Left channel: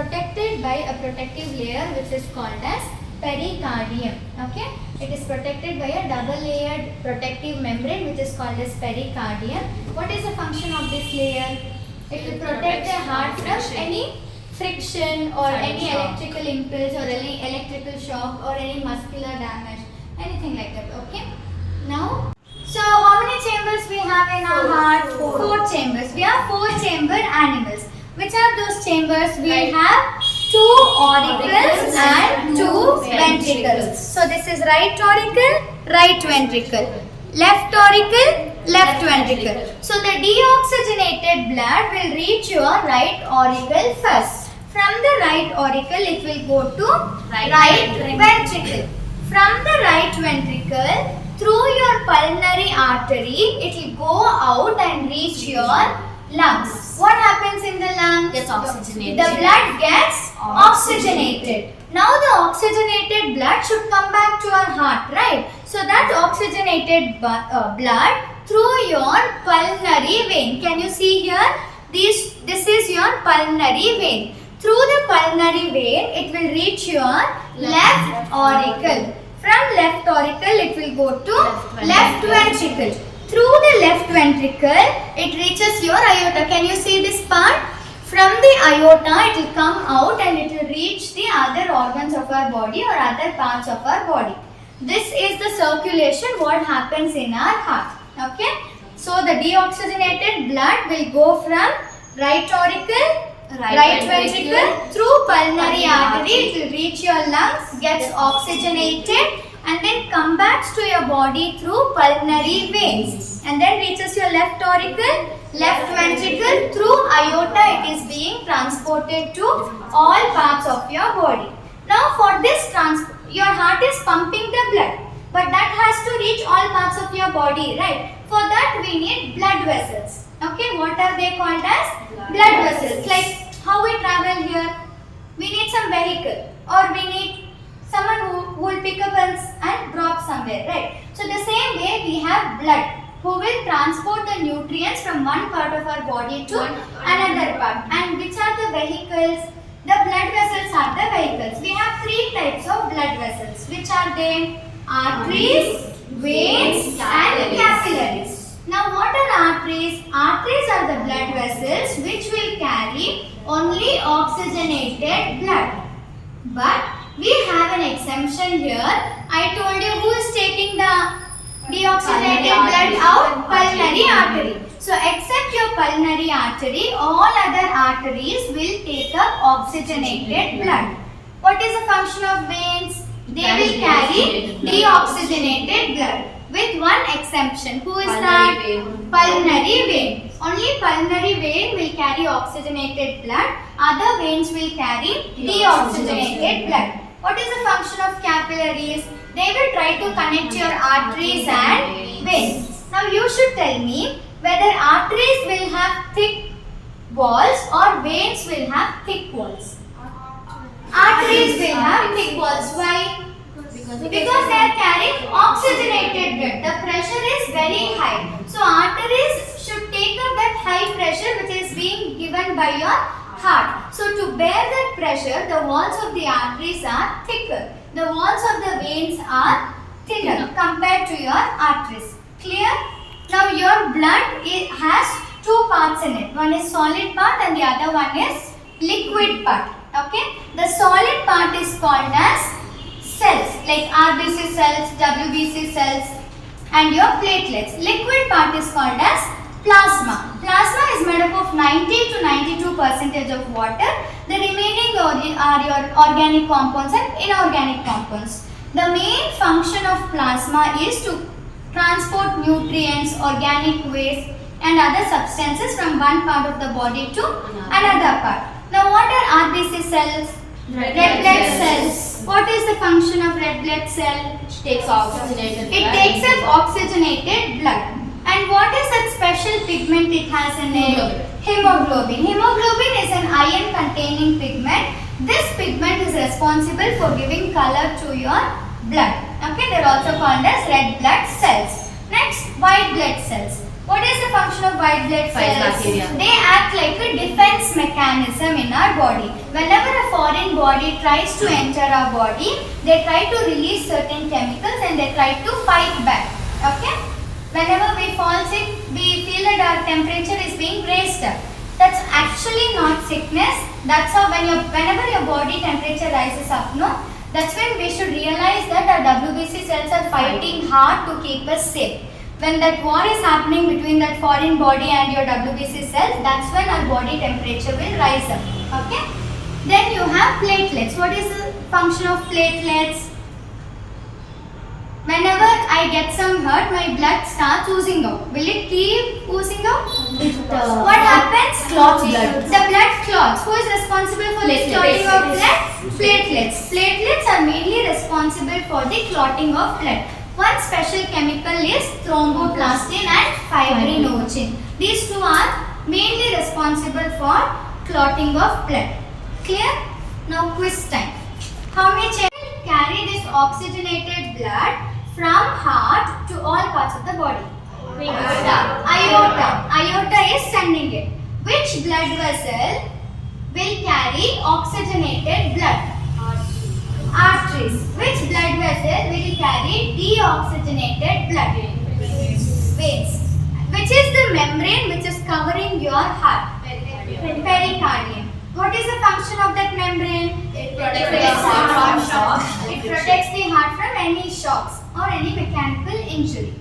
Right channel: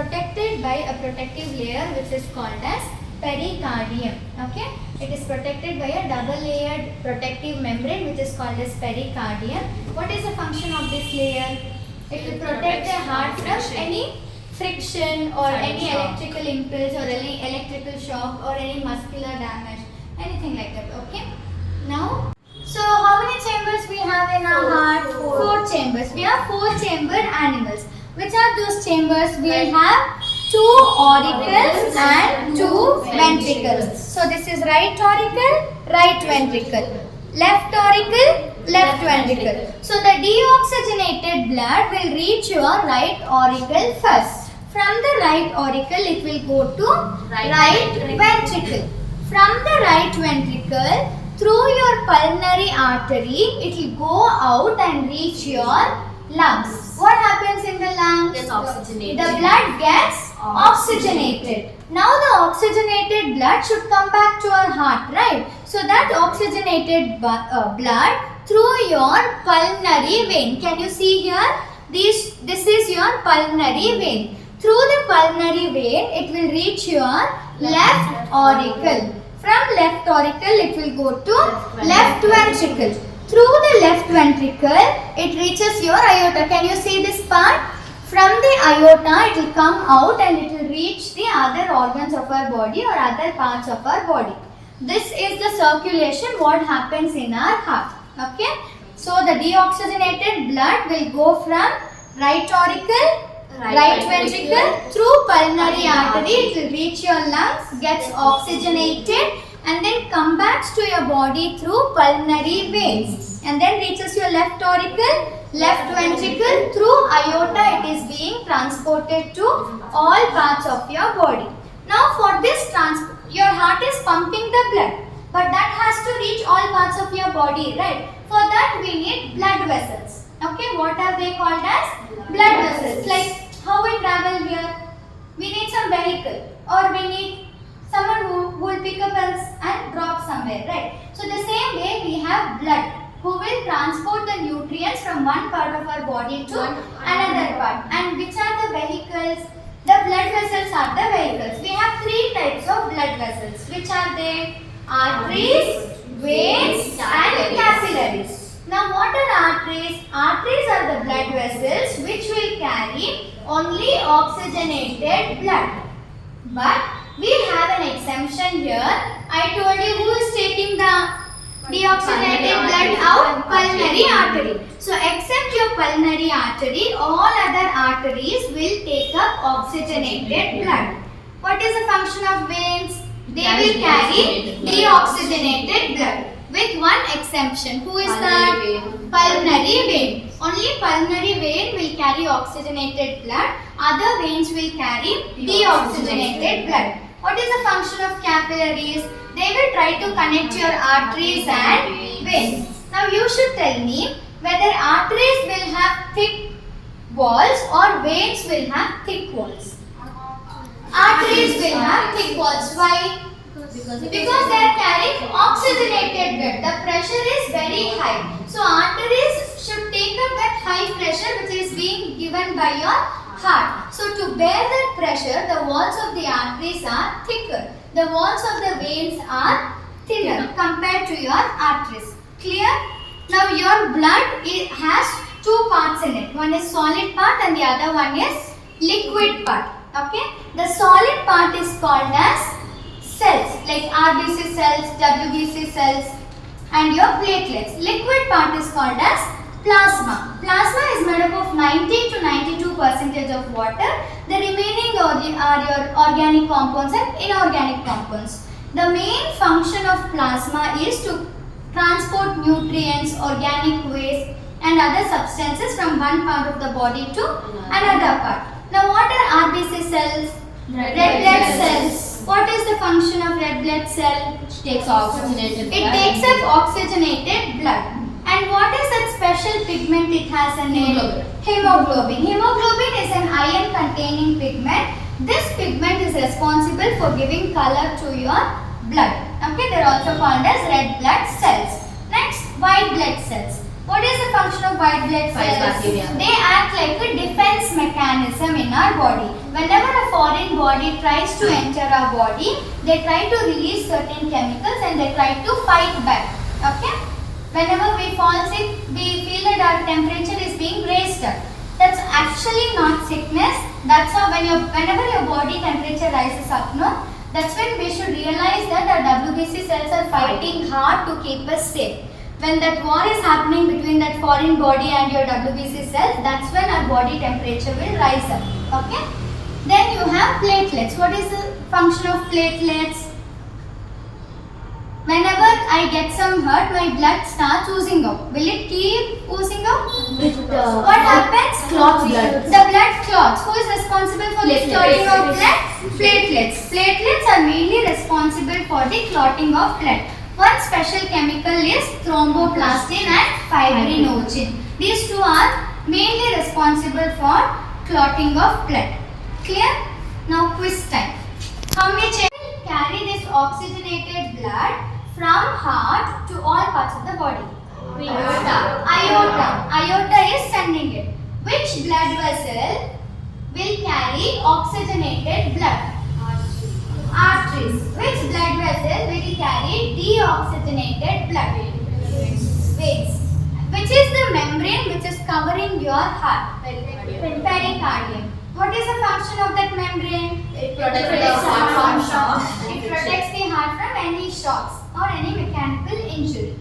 protected by a protective layer which is called as pericardium. Okay, it is protected by a double layered protective membrane which is called as pericardium. What is the function of this layer? It will protect the heart from any friction or any electrical impulse or any electrical shock or any muscular damage, anything like that. Okay, now so how many chambers we have in our heart? Four chambers. We are four chamber animals. Which are those chambers? We have two auricles and two ventricles. So this is right auricle, right ventricle. Left auricle, left ventricle. So the deoxygenated blood will reach your right auricle first. From the right auricle it will go to right ventricle. From the right ventricle through your pulmonary artery it will go out and reach your lungs. What happens in the lungs? Gets oxygenated. The blood gets oxygenated. Now the oxygenated blood should come back to our heart, right? So that oxygenated blood through your pulmonary vein. Can you see here? This is your pulmonary vein. Through the pulmonary vein, it will reach your left auricle. From left auricle, it will go to left ventricle. Through the left ventricle, it reaches your aorta. Can you see this part? From the aorta, it will come out and it will reach the other organs of our body or other parts of our body. This is the circulation what happens in our heart. Okay. So the deoxygenated blood will go from right auricle, right ventricle through pulmonary artery. It will reach your lungs, gets oxygenated, and then come back to your body through pulmonary veins and then reaches your left auricle, left ventricle through aorta. It is being transported to all parts of your body. Now for this your heart is pumping the blood, but that has to reach all parts of your body, right? For that we need blood vessels. Okay, what are they called as? Blood vessels. Like how we travel here, we need some vehicle or we need someone who will pick up us and drop somewhere, right? So the same way we have blood who will transport the nutrients from one part of our body to another part. And which are the vehicles? The blood vessels are the vehicles. We have three types of blood vessels. Which are they? Arteries, veins and capillaries. Now what are arteries? Arteries are the blood vessels which will carry only oxygenated blood. But we have an exemption here. I told you who is taking the deoxygenated blood out? Pulmonary artery. So except your pulmonary artery, all other arteries will take up oxygenated blood. What is the function of veins? They will carry deoxygenated blood. With one exemption. Who is that? Pulmonary vein. Only pulmonary vein will carry oxygenated blood. Other veins will carry deoxygenated blood. What is the function of capillaries? They will try to connect your arteries and veins. Now you should tell me whether arteries will have thick walls or veins will have thick walls. Arteries will have thick walls. Why? Because they are carrying oxygenated blood. The pressure is very high. So arteries should take up that high pressure which is being given by your heart. So to bear that pressure, the walls of the arteries are thicker. The walls of the veins are thinner compared to your arteries. Clear? Now your blood has two parts in it. One is solid part and the other one is liquid part. Okay? The solid part is called as cells like RBC cells, WBC cells and your platelets. Liquid part is called as plasma. Plasma is made up of 90 to 92% of water. The remaining are your organic compounds and inorganic compounds. The main function of plasma is to transport nutrients, organic waste and other substances from one part of the body to another part. Now what are RBC cells? Red blood cells. What is the function of red blood cell? It takes oxygenated blood. It takes up oxygenated blood. And what is that special pigment it has in it? Hemoglobin. Hemoglobin is an iron containing pigment. This pigment is responsible for giving color to your blood. Okay, they are also called as red blood cells. Next, white blood cells. What is the function of white blood Fight cells? bacteria. They act like a defense mechanism in our body. Whenever a foreign body tries to enter our body, they try to release certain chemicals and they try to fight back. Okay? Whenever we fall sick, we feel that our temperature is being raised up. That's actually not sickness. That's how whenever your body temperature rises up, no? That's when we should realize that our WBC cells are fighting hard to keep us safe. When that war is happening between that foreign body and your WBC cells, that's when our body temperature will rise up. Okay? Then you have platelets. What is the function of platelets? Whenever I get some hurt, my blood starts oozing out. Will it keep oozing out? What happens? Clots blood. The blood clots. Who is responsible for the clotting of blood? Platelets. Platelets are mainly responsible for the clotting of blood. One special chemical is thromboplastin and fibrinogen. These two are mainly responsible for clotting of blood. Clear? Now quiz time. How many children carry this oxygenated blood from heart to all parts of the body? Aorta. Aorta is sending it. Which blood vessel will carry oxygenated blood? Arteries. Which blood vessel will carry deoxygenated blood? Veins. Which is the membrane which is covering your heart? Pericardium. What is the function of that membrane? It protects the heart from shocks. It protects the heart from any shocks or any mechanical injury.